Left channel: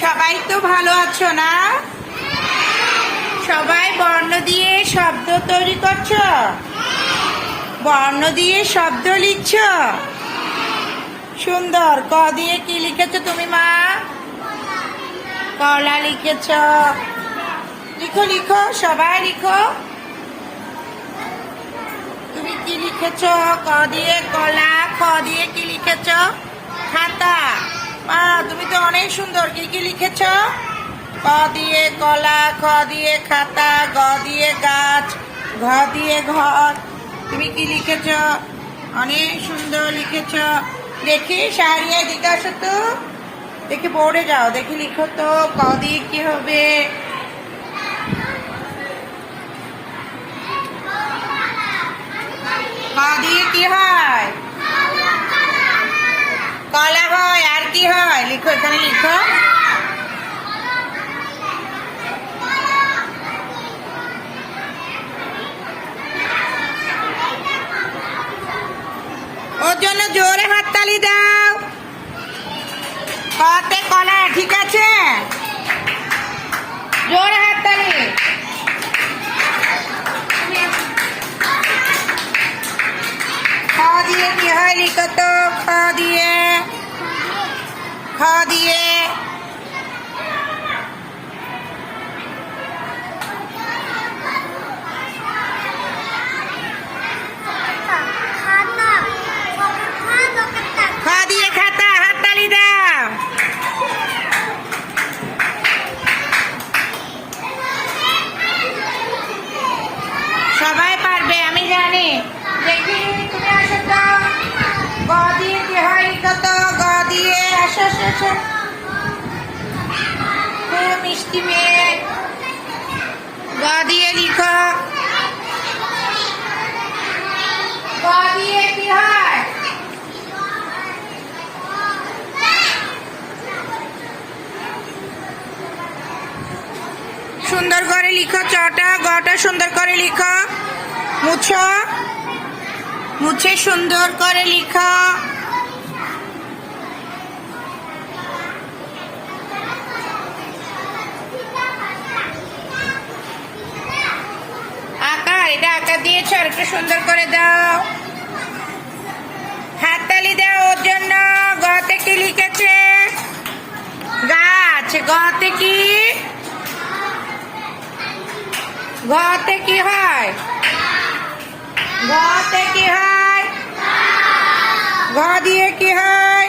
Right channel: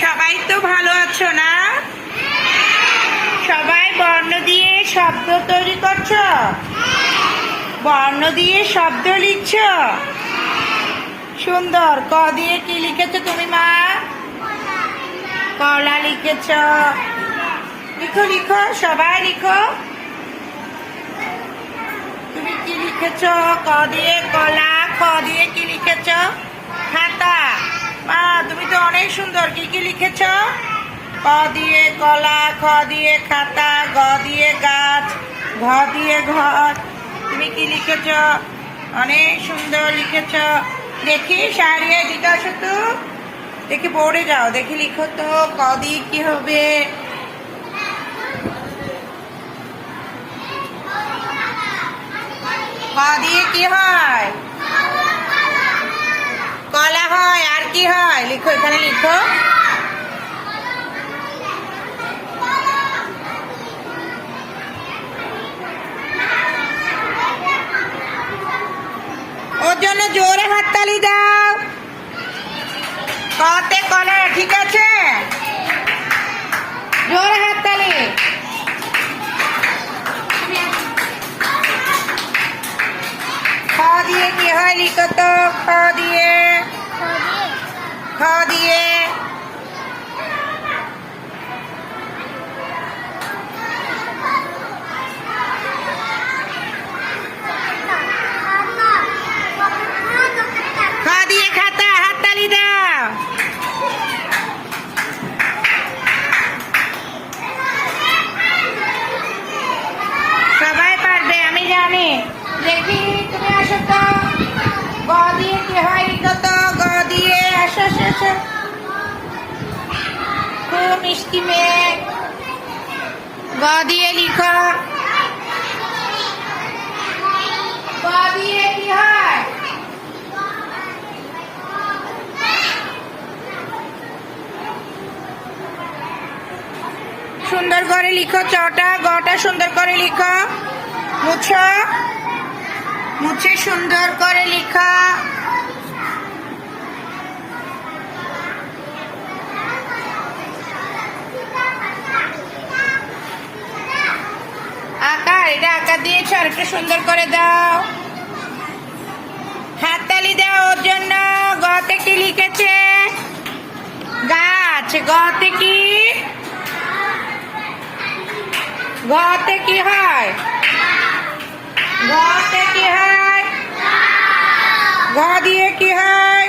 সবাই তো ভালো আছো না? সবাই বর্ণ দিয়ে শব্দ তৈরি করছো? বর্ণ দিয়ে শব্দ লিখছ? সুন্দর। ক দিয়ে কি লিখেছো তুমি মা? কলা লিখেছ। লিখো লিখো, সবাই লিখো। তুমি কি লিখেছ? ক দিয়ে কলা। খ দিয়ে কি লিখেছ? খাতা। মা তুমি তো অনেক সুন্দর। কি কি লিখেছ? ক দিয়ে কলা, খ দিয়ে খাতা, গ দিয়ে গাছ, ঘ দিয়ে ঘর। তুমি কি লিখেছ? অনেক সুন্দর লিখেছ। দেখি শাহরিয়া দিকে আসো তো, দেখি বোর্ডে যাও, দেখি লিখো তো ক দিয়ে কি হবে। ক দিয়ে কি হয়? কলা হয়। আর কি হয়? লিখো, এখানে লিখো। ওর জন্য জোরে হাততালি দাও। কতে কলা, ঠিক আছে? জোরে হাততালি। খ দিয়ে কি হয়? লিখো তো। খ দিয়ে, খ দিয়ে খ দিয়ে খাতা। হাততালি দাও। সবাই পারবে, আমি জানি। দেখি তুমি আসো তো। গ দিয়ে কি হয়? লিখো তো। গ দিয়ে, আসো আসো আসো। খুব মিষ্টি মেয়ে। গ দিয়ে লিখো। গ দিয়ে কি হয়? সুন্দর করে লিখো চটা। গটা সুন্দর করে লিখো। মুছো, মুছে সুন্দর করে লিখা। আকার, এটা আকার দিয়েছ, আর একটু সুন্দর করে দাও। হাততালি দাও ওর জন্য। গতে কি লিখেছে? গাছ। গতে কি? গতে কি হয়? গতে কি হয়? ঘ দিয়ে কি হয়?